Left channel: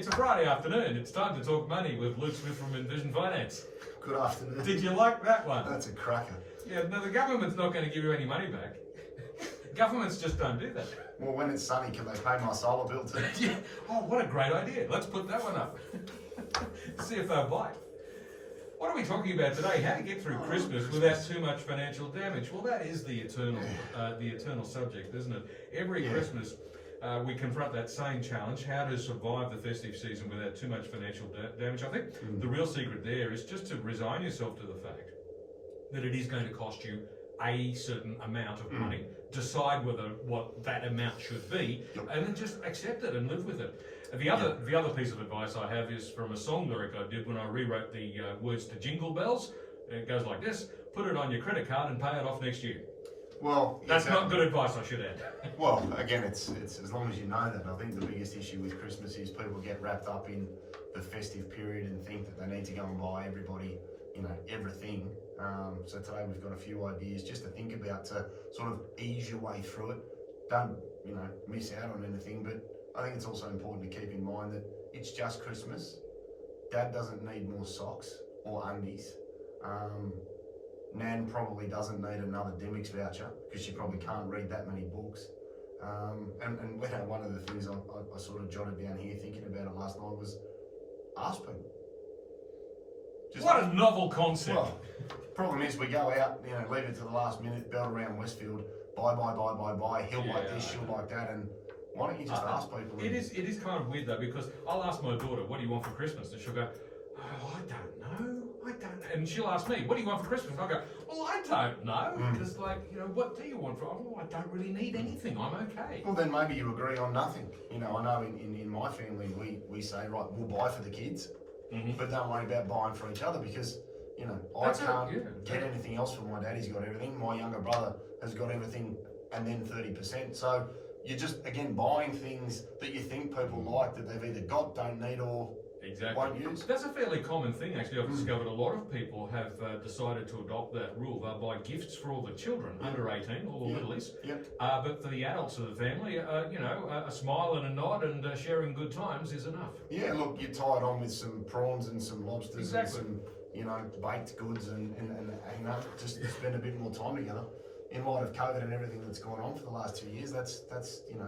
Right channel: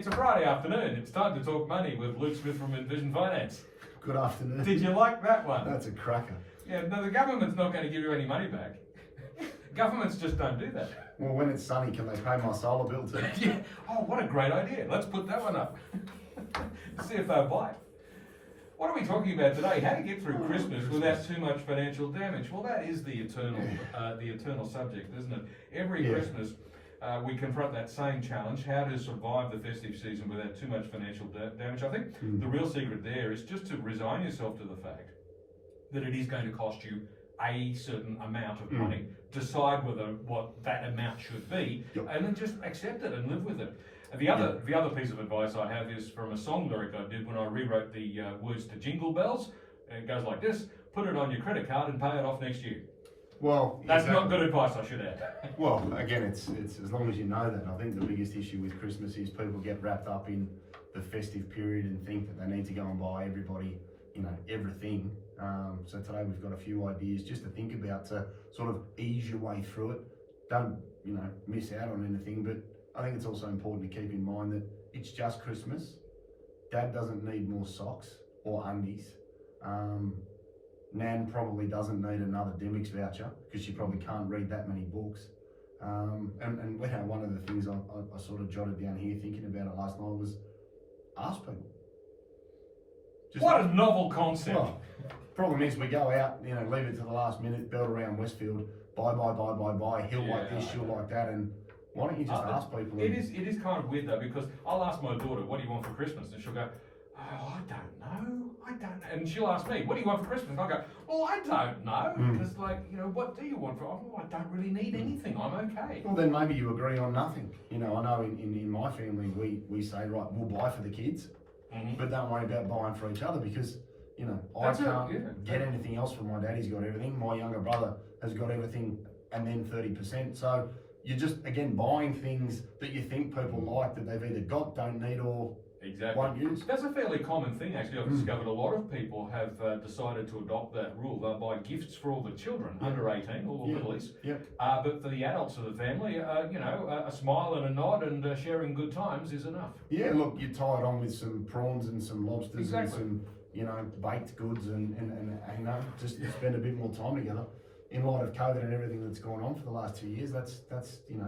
It's a Friday afternoon. It's time to talk money with Luke Smith from Envision Finance. Good afternoon. Did you like that one? That's a cracker. Yeah, no, the government's not going to give you any money back. Governments just don't do that. Well, when it's sunny, can they pay my solar bill too? Yeah. Oh, what a great idea. Let's put that one up. See if they'll bite. What are we talking about today? How to get through Christmas without too much financial damage? Well, that is the eternal subject, isn't it? Every Christmas, we confront that same challenge: how to survive the festive season without too much financial damage. I think the real secret there is just to resign yourself to the fact that it is going to cost you a certain amount of money. Decide what that amount should be, and then just accept it and live with it. The other piece of advice I have is from a song lyric I did when I rewrote the words to Jingle Bells. It goes like this: put it on your credit card and pay it off next year. Well, that's not good advice, I should add. Well, again, it's as long as you know that. I think the biggest issue with Christmas is people get wrapped up in the festive period and think that they need to go and buy everybody, everything. So today we've got a few ideas just to think about to sort of ease your way through it. Don't, miss out on anything, but I think it's also important to keep in mind that it's just Christmas. Dad doesn't need more socks or undies. Nan probably doesn't need another Demix voucher because she probably can't read that many books. And one of the things I sort of jotted down here thinking about it last night was ask people. What a novel concept. Well, problem is we go out, leave it to the last minute, belt around Westfield, buy, he'll like this, she'll like that, and why don't you just ask people? It is kind of weird though, because I'll ask my daughter, what do you want for Christmas? And she'll go, oh, I don't know. And she'll ask me, what do you want for Christmas? And I'll go, well, I don't know. Because what do you want for? Oh, I don't really need anything. I'm okay. Well, then maybe you agree on nothing. I know in my family, we say, right, we'll buy for the kids, but don't worry about buying for each other because, I can't get anything else for my dad. He's got everything. My younger brother has got everything and then 30%. So you're just, again, buying things that you think people like that they've either got, don't need, or won't use. That's a fairly common thing, actually. I've discovered a lot of people have decided to adopt that rule. They'll buy gifts for all the children under 18, all the littlies. But for the adults of the family, a smile and a nod and sharing good times is enough. Yeah, look, you tie it on with some prawns and some lobsters and some, baked goods and just spend a bit more time together. In light of COVID and everything that's gone on for the last 2 years, that's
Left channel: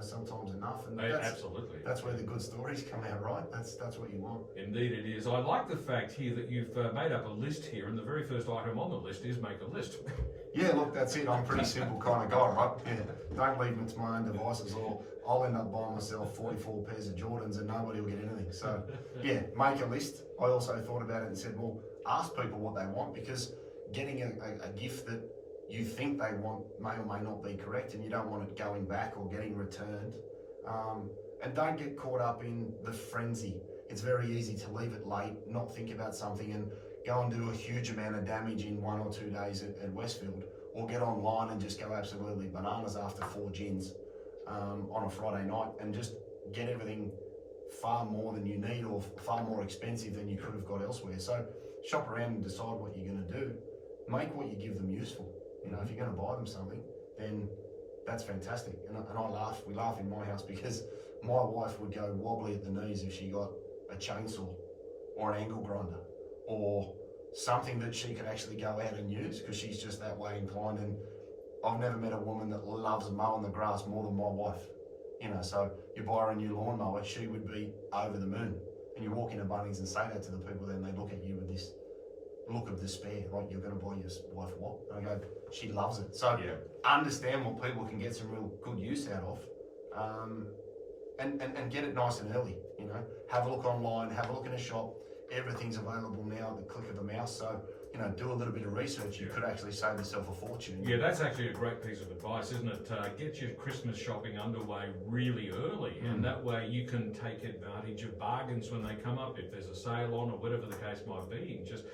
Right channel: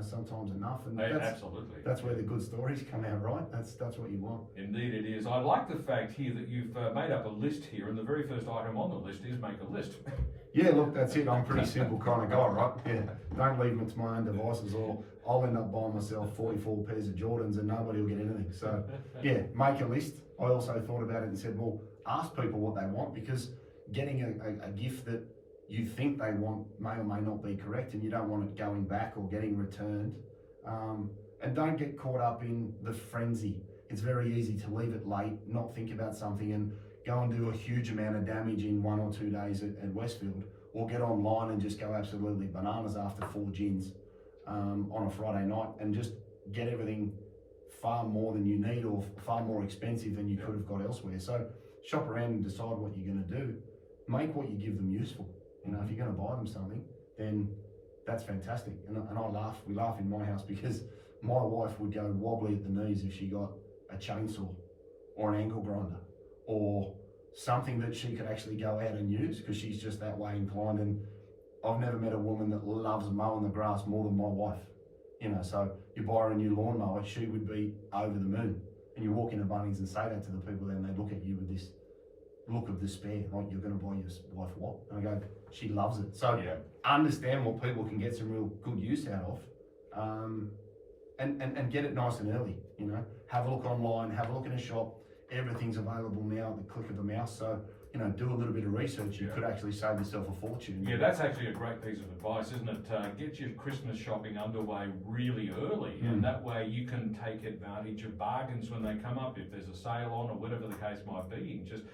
sometimes enough, and absolutely that's where the good stories come out, right? That's what you want. Indeed, it is. I like the fact here that you've made up a list here, and the very first item on the list is make a list. Yeah, look, that's it. I'm a pretty simple kind of guy, right? Yeah, don't leave them to my own devices, or I'll end up buying myself 44 pairs of Jordans and nobody will get anything. So, yeah, make a list. I also thought about it and said, well, ask people what they want, because getting a gift that you think they want may or may not be correct, and you don't want it going back or getting returned. And don't get caught up in the frenzy. It's very easy to leave it late, not think about something, and go and do a huge amount of damage in 1 or 2 days at Westfield, or get online and just go absolutely bananas after 4 gins on a Friday night and just get everything far more than you need or far more expensive than you could have got elsewhere. So shop around and decide what you're going to do. Make what you give them useful. If you're going to buy them something, then that's fantastic. And we laugh in my house because my wife would go wobbly at the knees if she got a chainsaw or an ankle grinder or something that she could actually go out and use, because she's just that way inclined. And I've never met a woman that loves mowing the grass more than my wife. So you buy her a new lawnmower, she would be over the moon. And you walk into Bunnings and say that to the people, then they look at you with this look of despair, like, you're going to buy your wife what? And I go, she loves it. So understand what people can get some real good use out of, and get it nice and early. Have a look online, have a look in a shop. Everything's available now at the click of the mouse. So do a little bit of research. You could actually save yourself a fortune. Yeah, that's actually a great piece of advice, isn't it? Get your Christmas shopping underway really early, and that way you can take advantage of bargains when they come up. If there's a sale on or whatever the case might be, you can just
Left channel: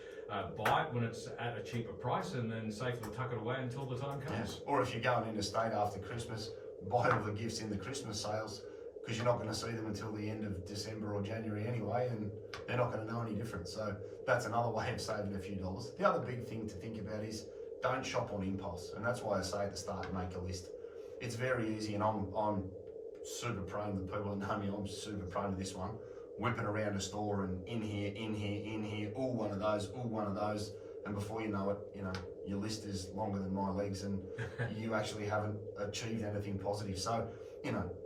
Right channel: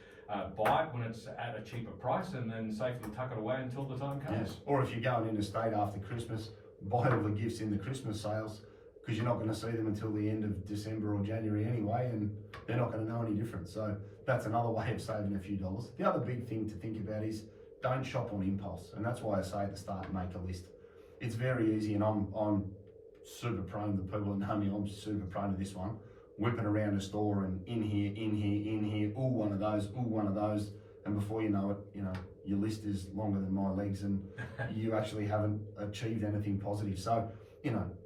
buy it when it's at a cheaper price and then safely tuck it away until the time comes. Or if you're going interstate after Christmas, buy all the gifts in the Christmas sales, because you're not going to see them until the end of December or January anyway, and they're not going to know any different. So that's another way of saving a few dollars. The other big thing to think about is don't shop on impulse, and that's why I say at the start, make a list. It's very easy, and I'm super prone, the people that know me, I'm super prone to this one. whipping around a store and in here, ooh, one of those, and before you know it, your list is longer than my legs and you actually haven't achieved anything positive. So,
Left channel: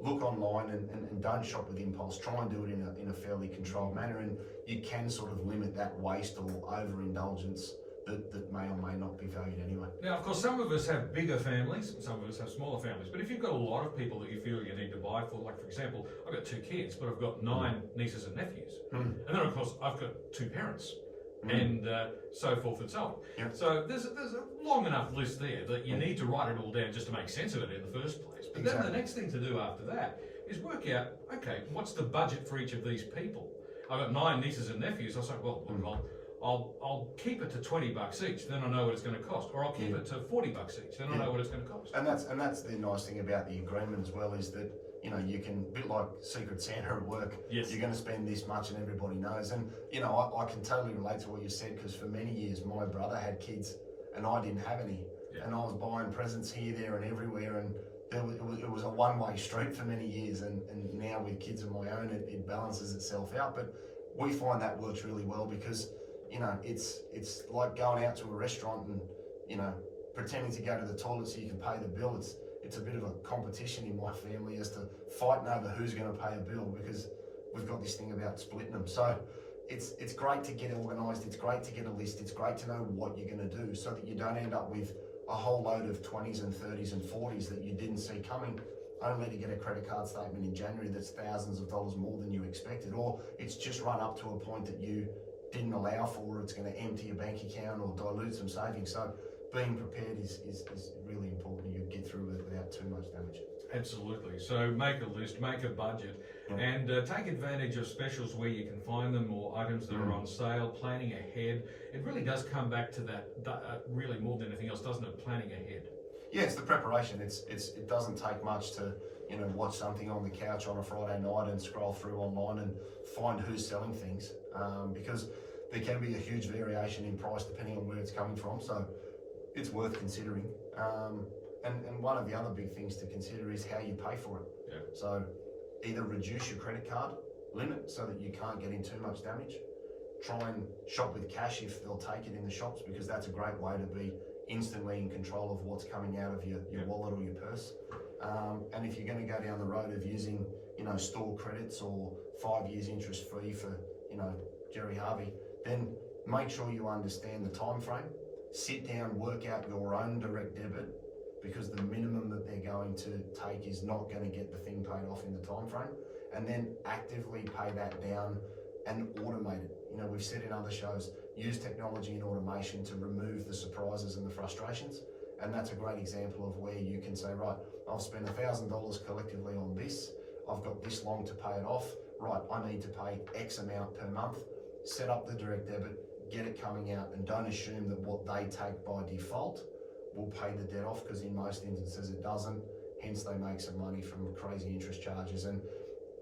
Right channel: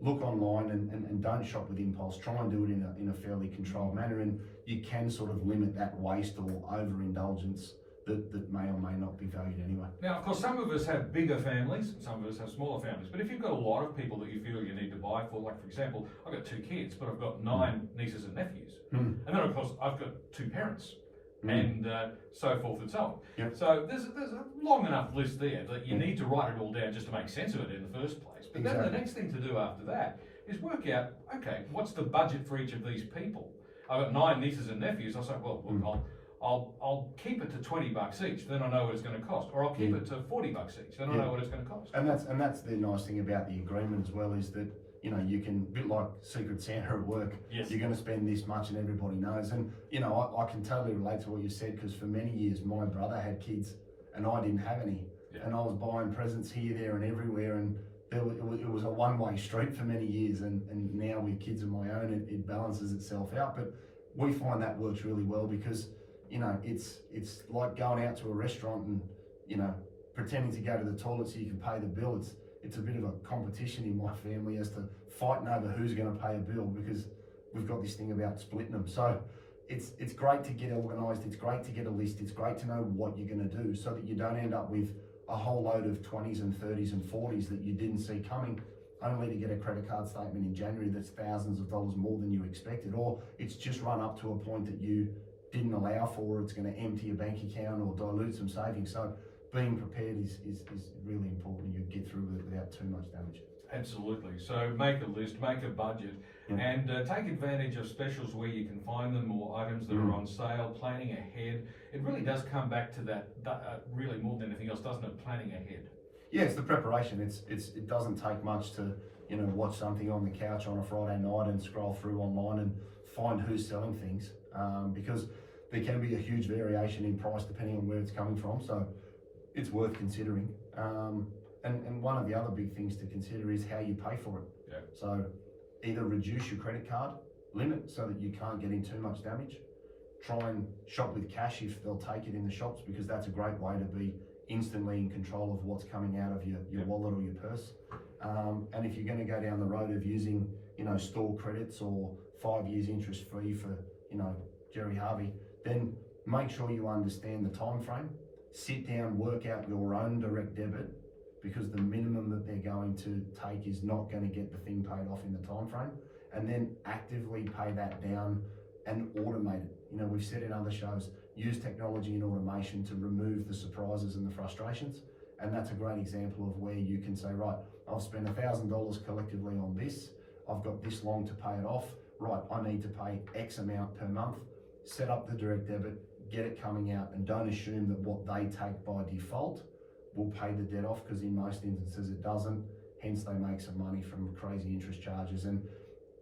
look online and don't shop with impulse. Try and do it in a fairly controlled manner, and you can sort of limit that waste or overindulgence that may or may not be valued anyway. Now, of course, some of us have bigger families, some of us have smaller families, but if you've got a lot of people that you feel you need to buy for, like for example, I've got 2 kids, but I've got 9 nieces and nephews. And then of course, I've got 2 parents. And so forth and so on. Yep. So there's a long enough list there that you need to write it all down just to make sense of it in the first place. But then the next thing to do after that is work out, okay, what's the budget for each of these people? I've got 9 nieces and nephews. I say, well, look, I'll keep it to $20 each. Then I know what it's going to cost, or I'll keep it to $40 each. Then I know what it's going to cost. And that's the nice thing about the agreement as well, is that you can, a bit like Secret Santa at work, yes. You're going to spend this much and everybody knows. And, I can totally relate to what you said, because for many years my brother had kids and I didn't have any. Yeah. And I was buying presents here, there and everywhere, and it was a one-way street for many years. And now with kids of my own, it balances itself out. But we find that works really well, because, it's like going out to a restaurant and, pretending to go to the toilet so you can pay the bill. It's a bit of a competition in my family as to fighting over who's going to pay a bill, because we've got this thing about splitting them. So it's great to get organised, it's great to get a list, it's great to know what you're going to do, so that you don't end up with a whole load of 20s and 30s and 40s that you didn't see coming, only to get a credit card statement in January that's thousands of dollars more than you expected, or it's just run up to a point that you didn't allow for, it's going to empty your bank account or dilute some savings. So being prepared is really important. You get through it without too much damage. Absolutely. So make a list, make a budget, and take advantage of specials where you can find them, or items that are on sale, planning ahead. It really does come back to that really more than anything else, doesn't it? Planning ahead. Yeah, it's the preparation. It doesn't take much to watch something on the couch on a Friday night and scroll through online and find who's selling things, because there can be a huge variation in price depending on where it's coming from. So it's worth considering. And one of the other big things to consider is how you pay for it. Yeah. So either reduce your credit card limit so that you can't get in too much damage. Try and shop with cash if they'll take it in the shops, because that's a great way to be instantly in control of what's coming out of your wallet or your purse. And if you're going to go down the road of using, store credits or 5 years interest free for, Jerry Harvey, then make sure you understand the time frame. Sit down, work out your own direct debit, because the minimum that they're going to take is not going to get the thing paid off in the time frame, and then actively pay that down and automate it. We've said in other shows, use technology and automation to remove the surprises and the frustrations, and that's a great example of where you can say, right, I've spent $1,000 collectively on this, I've got this long to pay it off, right, I need to pay X amount per month, set up the direct debit, get it coming out, and don't assume that what they take by default will pay the debt off, because in most instances it doesn't, hence they make some money from crazy interest charges. And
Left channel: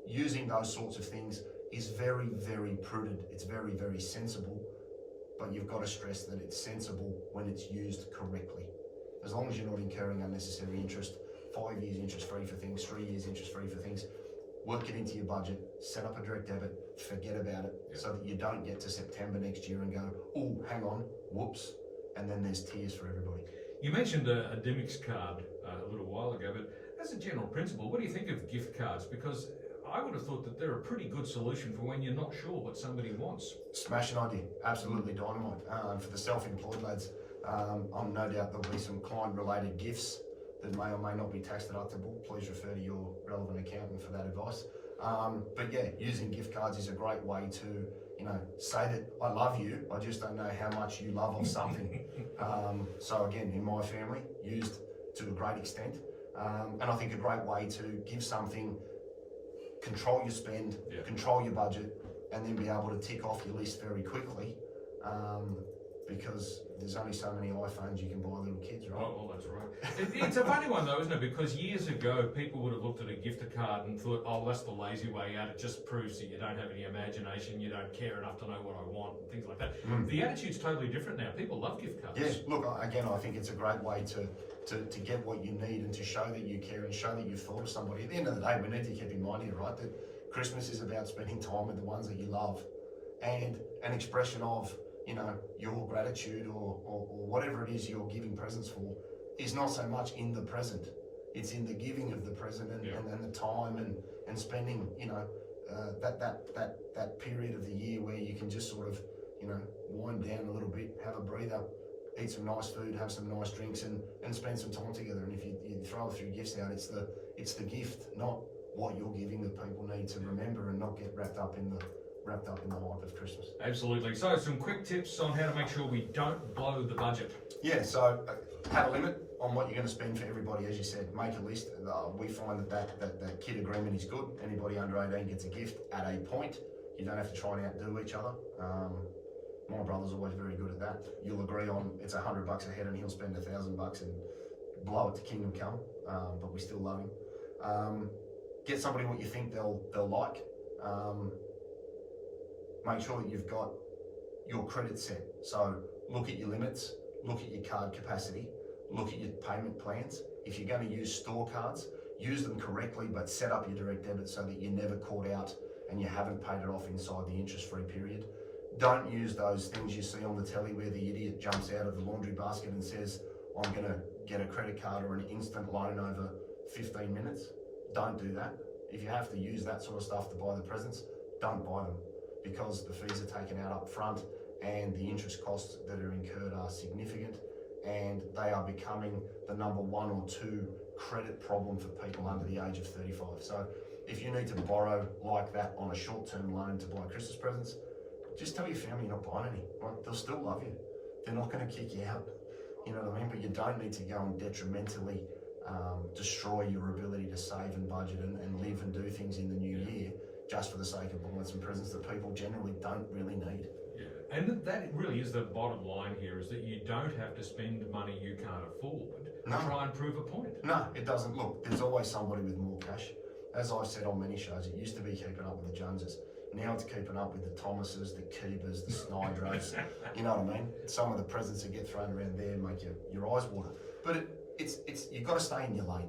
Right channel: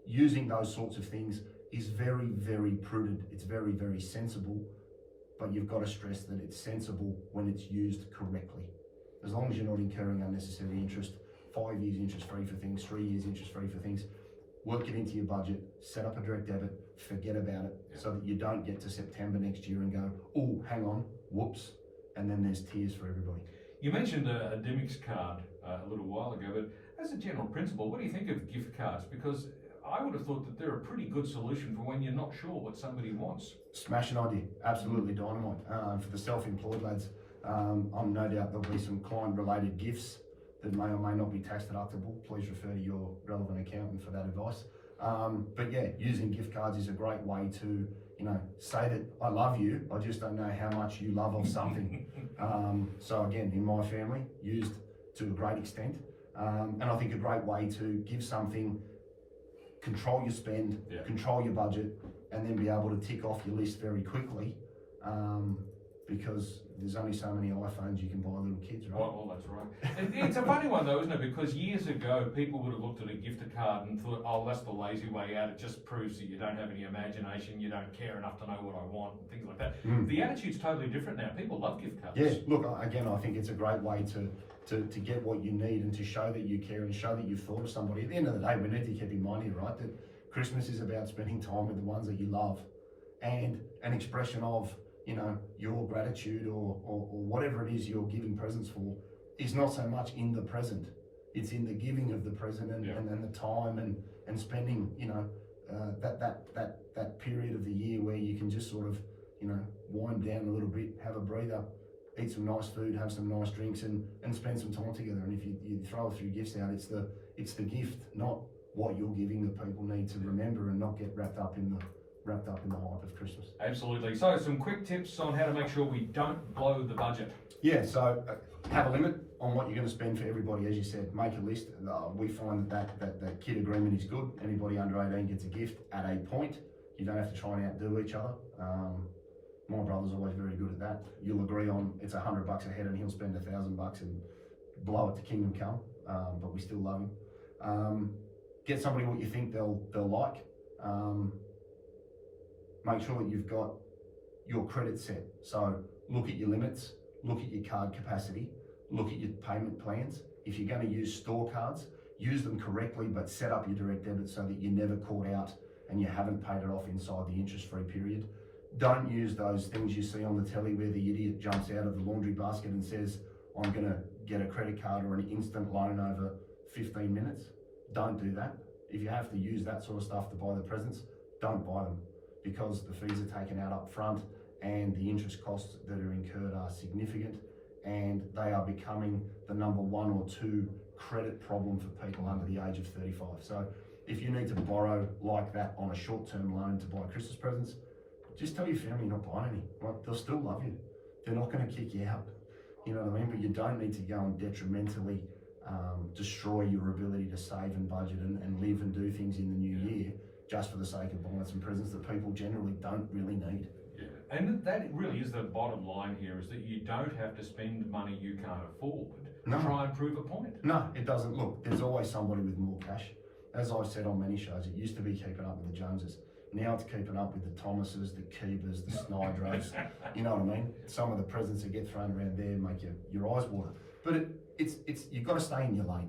using those sorts of things is very, very prudent, it's very, very sensible, but you've got to stress that it's sensible when it's used correctly. As long as you're not incurring unnecessary interest, 5 years interest free for things, 3 years interest free for things, work it into your budget, set up a direct debit, forget about it, so that you don't get to September next year and go, oh, hang on, whoops, and then there's tears for everybody. You mentioned a Dimix card a little while ago, but as a general principle, what do you think of gift cards? Because I would have thought that they're a pretty good solution for when you're not sure what somebody wants. Smashing idea, absolutely dynamite. For the self-employed lads, I'm no doubt there'll be some client-related gifts that may or may not be tax deductible. Please refer to your relevant accountant for that advice. But yeah, using gift cards is a great way to, say that I love you, I just don't know how much you love of something. So again, in my family, used to a great extent. And I think a great way to give something, control your spend, control your budget, and then be able to tick off your list very quickly. Because there's only so many iPhones you can buy little kids, right? Well, that's right. It's a funny one though, isn't it? Because years ago, people would have looked at a gift card and thought, oh, that's the lazy way out. It just proves that you don't have any imagination, you don't care enough to know what I want, and things like that. The attitude's totally different now. People love gift cards. Yeah, look, again, I think it's a great way to get what you need and to show that you care and show that you've thought of somebody. At the end of the day, we need to keep in mind here, right, that Christmas is about spending time with the ones that you love, and an expression of, you know, your gratitude or whatever it is you're giving presents for is not so much in the present. It's in the giving of the present and the time and spending, you know, that period of the year where you can just sort of, you know, wind down a little bit, have a breather, eat some nice food, have some nice drinks, and spend some time together. And if you throw a few gifts out, it's the gift, not what you're giving, that people need to remember and not get wrapped up in the hype of Christmas. Absolutely. So some quick tips on how to make sure we don't blow the budget. Yeah, so have a limit on what you're going to spend for everybody, as you said. Make a list. We find that kid agreement is good. Anybody under 18 gets a gift at a point. You don't have to try and outdo each other. My brother's always very good at that. You'll agree on it's $100 a head and he'll spend $1,000 and blow it to kingdom come, but we still love him. Get somebody what you think they'll like. Make sure that you've got your credit set. So look at your limits, look at your card capacity, look at your payment plans. If you're going to use store cards, use them correctly, but set up your direct debit so that you're never caught out and you haven't paid it off inside the interest-free period. Don't use those things you see on the telly where the idiot jumps out of the laundry basket and says, I'm going to get a credit card or an instant loan over 15 minutes. Don't do that. If you have to use that sort of stuff to buy the presents, don't buy them, because the fees are taken out up front and the interest costs that are incurred are significant, and they are becoming the number 1 or 2 credit problem for people under the age of 35. So if you need to borrow like that on a short-term loan to buy Christmas presents, just tell your family you're not buying any. Right? They'll still love you. They're not going to kick you out. You know what I mean? But you don't need to go and detrimentally destroy your ability to save and budget and live and do things in the new year just for the sake of buying some presents that people generally don't really need. Yeah. And that really is the bottom line here, is that you don't have to spend money you can't afford to try and prove a point. No, it doesn't. Look, there's always somebody with more cash. As I've said on many shows, it used to be keeping up with the Joneses. Now it's keeping up with the Thomases, the Keebers, the Snydros. You know what I mean? Some of the presents that get thrown around there make your eyes water. But it's you've got to stay in your lane.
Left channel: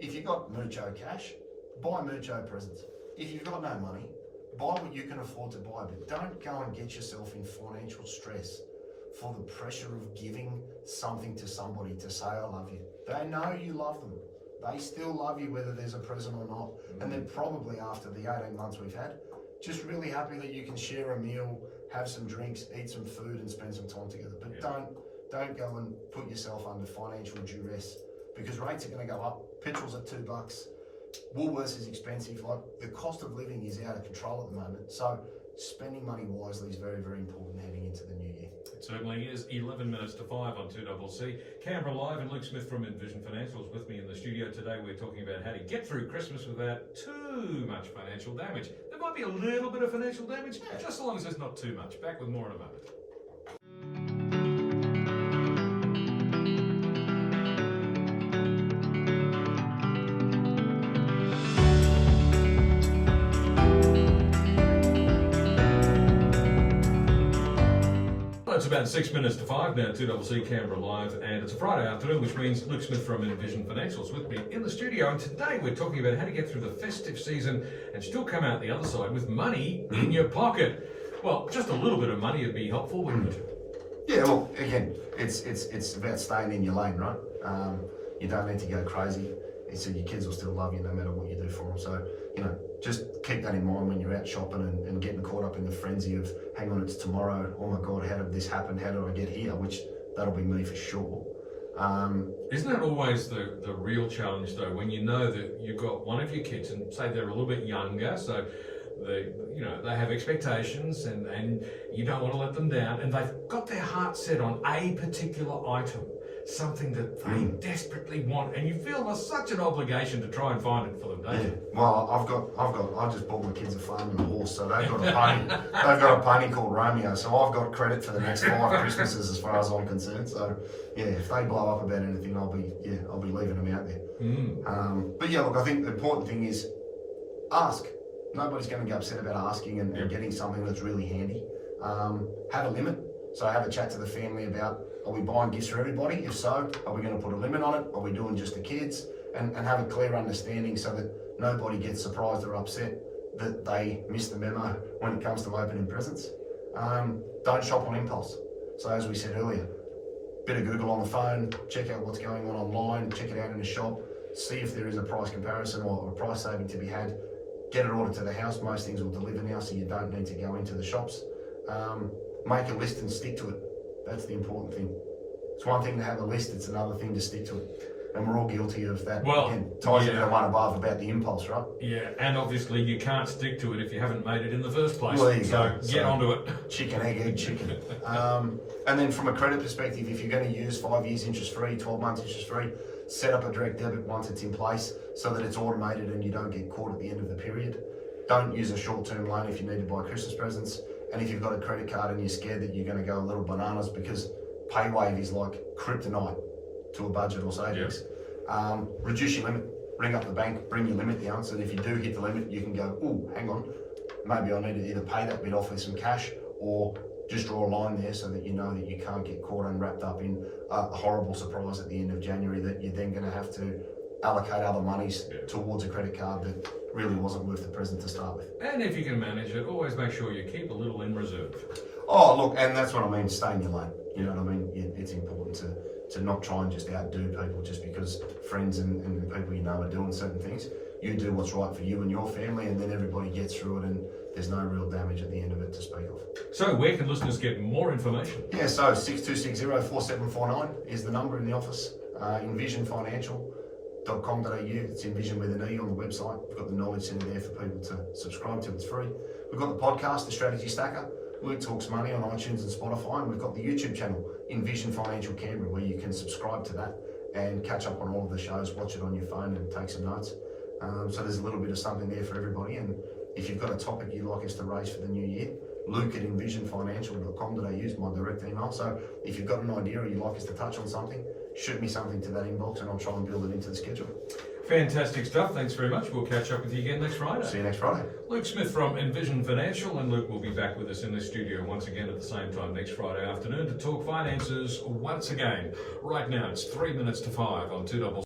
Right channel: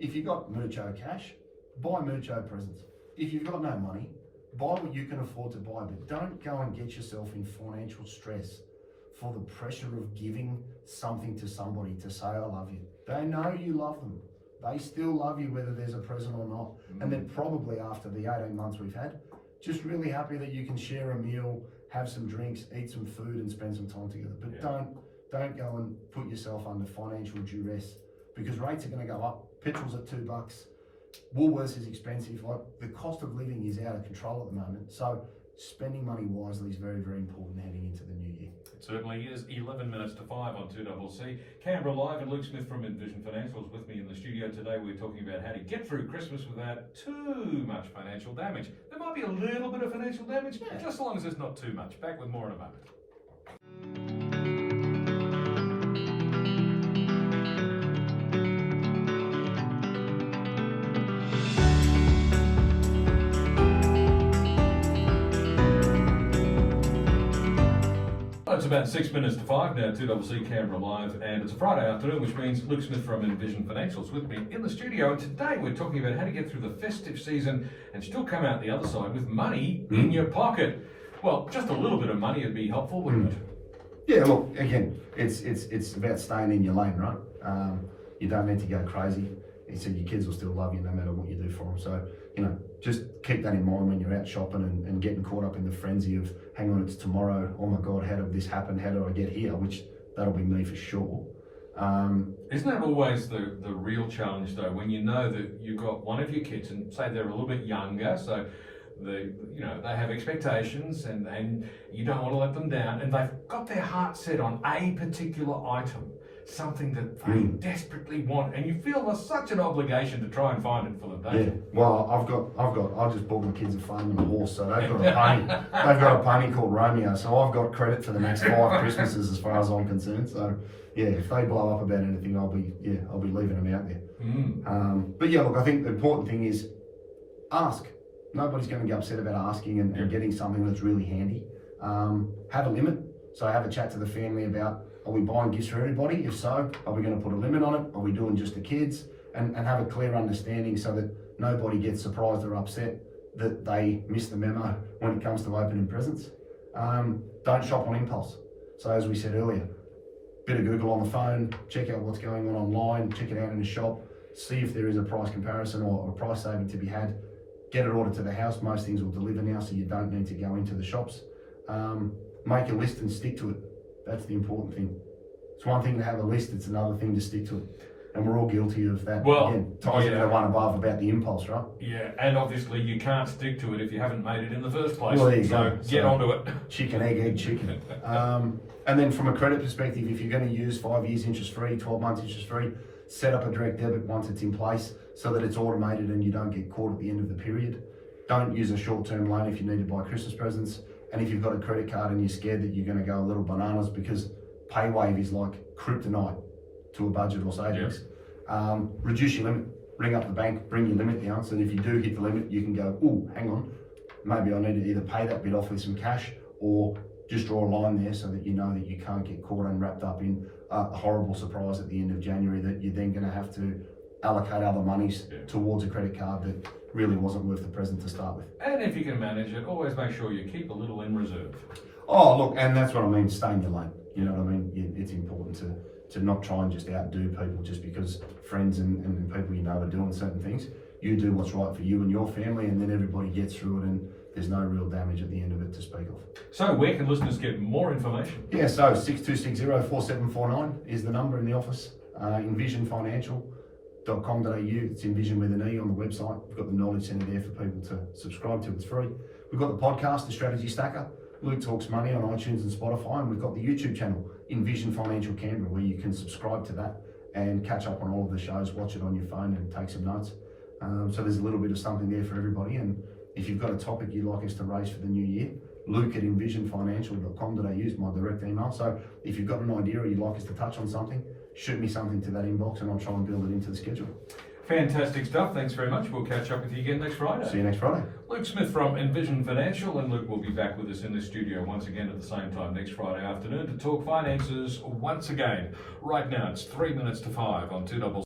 If you've got mucho cash, buy mucho presents. If you've got no money, buy what you can afford to buy, but don't go and get yourself in financial stress for the pressure of giving something to somebody to say, I love you. They know you love them. They still love you whether there's a present or not. And they're probably, after the 18 months we've had, just really happy that you can share a meal, have some drinks, eat some food and spend some time together. But don't go and put yourself under financial duress, because rates are going to go up. Petrol's at $2. Woolworths is expensive. Like, the cost of living is out of control at the moment. So spending money wisely is very, very important heading into the new year. It certainly is. 11 minutes to 5 on 2CC. Canberra Live, and Luke Smith from Envision Financial is with me in the studio today. We're talking about how to get through Christmas without too much financial damage. There might be a little bit of financial damage, just as long as there's not too much. Back with more in a moment. It's about 6 minutes to 5 now, 2CC Canberra Live, and it's a Friday afternoon, which means Luke Smith from Envision Financial is with me in the studio. And today we're talking about how to get through the festive season and still come out the other side with money in your pocket. Well, just a little bit of money would be helpful, wouldn't it? Yeah, look, again, it's about staying in your lane, right? You don't need to go crazy. So your kids will still love you no matter what you do for them. So, you know, just keep that in mind when you're out shopping and getting caught up in the frenzy of, hang on, it's tomorrow, oh my God, how did this happen, how did I get here, which that'll be me for sure. Isn't that always the real challenge though, when you know that you've got one of your kids and say they're a little bit younger, so they have expectations and you don't want to let them down, and they've got their heart set on a particular item, something that they desperately want, and you feel there's such an obligation to try and find it for them, don't you? Well, I just bought my kids a farm and a horse, so they've got a pony. They've got a pony called Romeo, so I've got credit for the next 5 Christmases as far as I'm concerned. So yeah, if they blow up about anything, I'll be leaving them out there. But yeah, look, I think the important thing is ask. Nobody's going to get upset about asking and getting something that's really handy. Have a limit. So have a chat to the family about, are we buying gifts for everybody? If so, are we going to put a limit on it? Are we doing just the kids? And have a clear understanding so that nobody gets surprised or upset that they miss the memo when it comes to opening presents. Don't shop on impulse. So as we said earlier, bit of Google on the phone, check out what's going on online, check it out in a shop, see if there is a price comparison or a price saving to be had. Get it ordered to the house. Most things will deliver now, so you don't need to go into the shops. Make a list and stick to it. That's the important thing. It's one thing to have a list, it's another thing to stick to it. And we're all guilty of that. Well, again, ties into the one above about the impulse, right? Yeah, and obviously you can't stick to it if you haven't made it in the first place. Well, there you so go. get onto it. Chicken, egg, chicken. And then from a credit perspective, if you're going to use 5 years interest free, 12 months interest free, set up a direct debit once it's in place so that it's automated and you don't get caught at the end of the period. Don't use a short-term loan if you need to buy Christmas presents. And if you've got a credit card and you're scared that you're going to go a little bananas because PayWave is like kryptonite to a budget or savings. Reduce your limit, ring up the bank, bring your limit down, so that if you do hit the limit, you can go, oh, hang on, maybe I need to either pay that bit off with some cash or just draw a line there so that you know that you can't get caught and wrapped up in a horrible surprise at the end of January that you're then going to have to allocate other monies towards a credit card that really wasn't worth the present to start with. And if you can manage it, always make sure you keep a little in reserve. Oh, look, and that's what I mean, stay in your lane. You know what I mean? It's important to not try and just outdo people just because friends and people you know are doing certain things. You do what's right for you and your family, and then everybody gets through it, and there's no real damage at the end of it to speak of. So where can listeners get more information? Yeah, so 62604749 is the number in the office. Envisionfinancial.com.au. It's Envision with an E on the website. We've got the knowledge centre there for people to subscribe to. It's free. We've got the podcast, The Strategy Stacker. Luke Talks Money on iTunes and Spotify, and we've got the YouTube channel, Envision Financial Canberra, where you can subscribe to that and catch up on all of the shows, watch it on your phone and take some notes. So there's a little bit of something there for everybody, and if you've got a topic you'd like us to raise for the new year, luke@envisionfinancial.com.au is my direct email. So if you've got an idea or you'd like us to touch on something, shoot me something to that inbox and I'll try and build it into the schedule. Fantastic stuff. Thanks very much. We'll catch up with you again next Friday. See you next Friday. Luke Smith from Envision Financial, and Luke will be back with us in the studio once again at the same time next Friday afternoon to talk finances once again. Right now it's 5 on 2 double.